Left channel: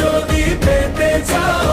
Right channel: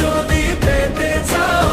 যদি পেতে চাও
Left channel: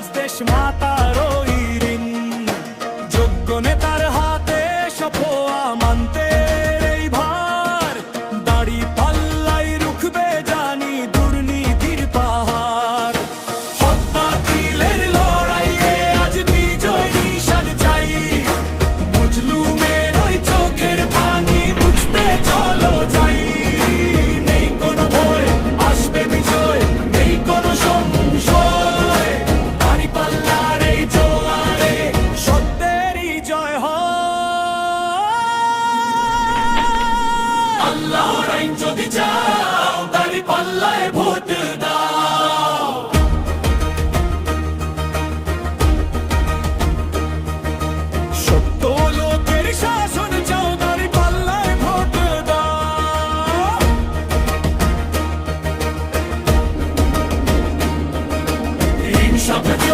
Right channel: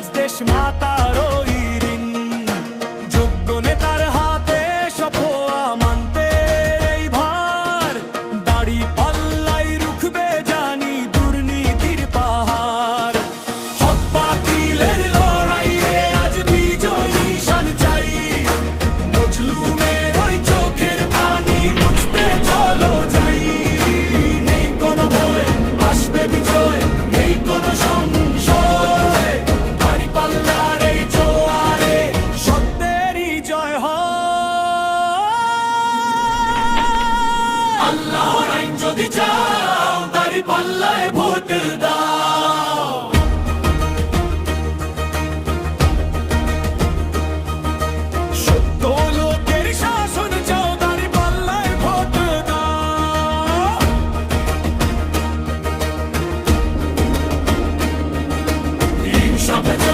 আজ দেশ মাতার ঋণ। যোগ্য নেতার হাতে সফ মানতে এই ভাই shall protect.